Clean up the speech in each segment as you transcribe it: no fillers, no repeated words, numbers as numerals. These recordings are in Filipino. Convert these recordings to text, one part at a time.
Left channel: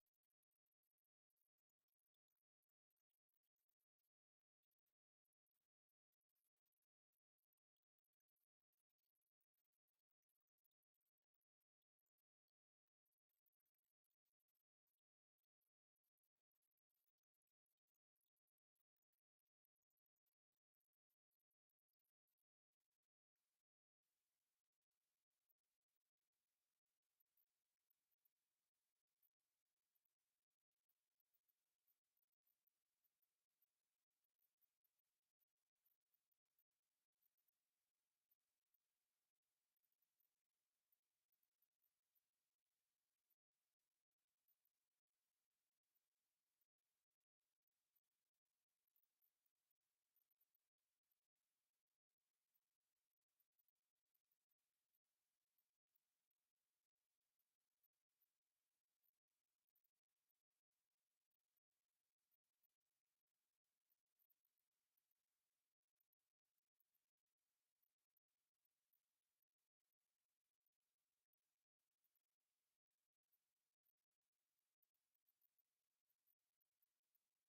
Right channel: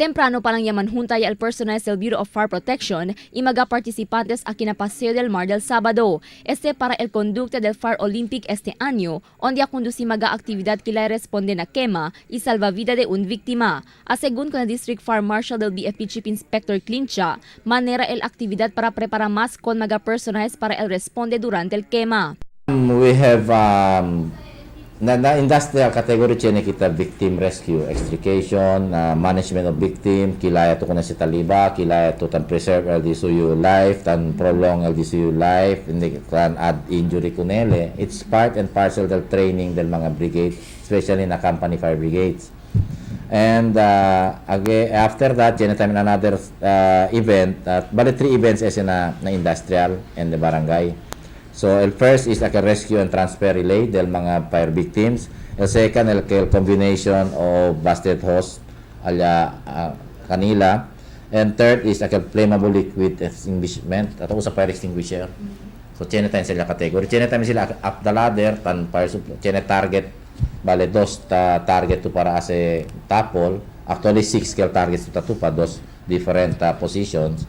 Temprano pa lang yaman juntay al personal del Bureau of Fire Protection y mga participantes aquí na Paseo del Mar del Sábado. Para el conducta del Fire Olympic este año, onde conduci mga aktibidad kila responde na quema y salvavida de un víctima. Según con el District Fire Marshal del BFP Chief Inspector Clincha, manera el actividad para preparar más con mga personales para el responde durante el quema. We have na industrial category chene kita victim rescue, extrication, management of victim, kilaya to kuna si taliba, kilaya to tan preserve LDCU life, tan prolong LDCU life, hindi tan add injury kunele. It's part and parcel del training del mga brigade, especially na company fire brigades. And again, after that, chene time another event, bali 3 events is na industrial and the barangay. So, el first is like a rescue and transfer relay del mga fire victims. El second, el combination of busted hose kanila. And third is like a flammable liquid extinguishment at sa fire extinguisher. So, chene tayo sila category. Chene tayo sila up the ladder, tan fire supply. Chene target, bale, dos target to para ase tapol. Actually, 6 targets to pa, dos different positions.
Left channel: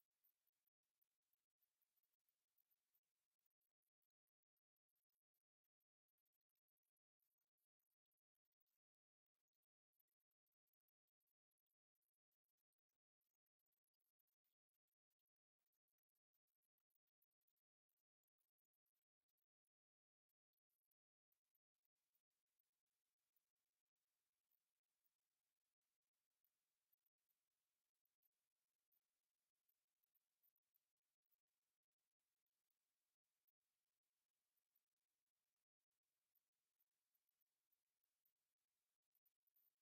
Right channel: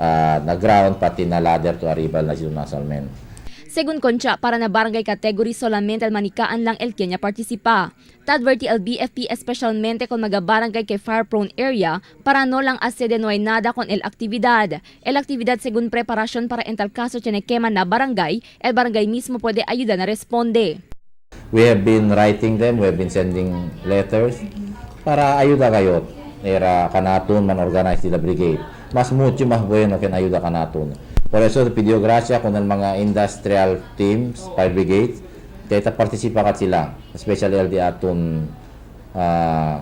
Na ground, pati na ladder to arrival na sinunasal men. Según Concha, para na barangay category solamente al manikaan lang el Kenya participa. Tadverti el BFP especialmente con mga barangay kay fire-prone area para no lang asede no hay nada con el actividad. El actividad según preparasyon para en tal caso tiene quema na barangay, el barangay mismo puede ayuda na responde. We have been writing them, we have been sending letters para ayuda kayo. Era kanatun man organize the brigade. Mas mucho más bueno que ayuda kanatun. Por eso pidió gracia con el mga industrial teams, fire brigades, kaya participa kat sila, especially el di atun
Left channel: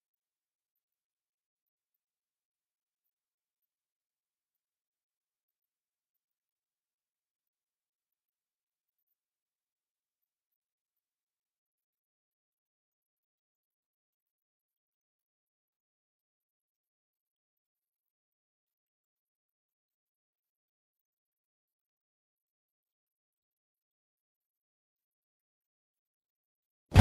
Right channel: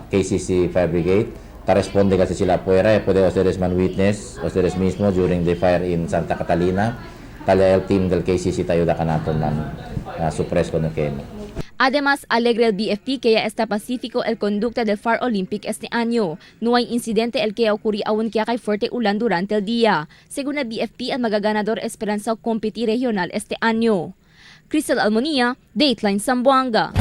KCC fire brigade. Responde kasi sila puera, puede ustedes man witness, ustedes mismo during the fire in Santa Catalina, talya el team del KCC tayo da kanatun man suppress con el quema. Además, alegre el BFP que ya está pacífico el conducta del Fire Olympic este año. No hay incidente el que ocurrió aún que kay fuerte ulan durante el día. Según el BFP, el magaganador esperanza competir regional este año. Crystal Almonía, Dateline Zamboanga.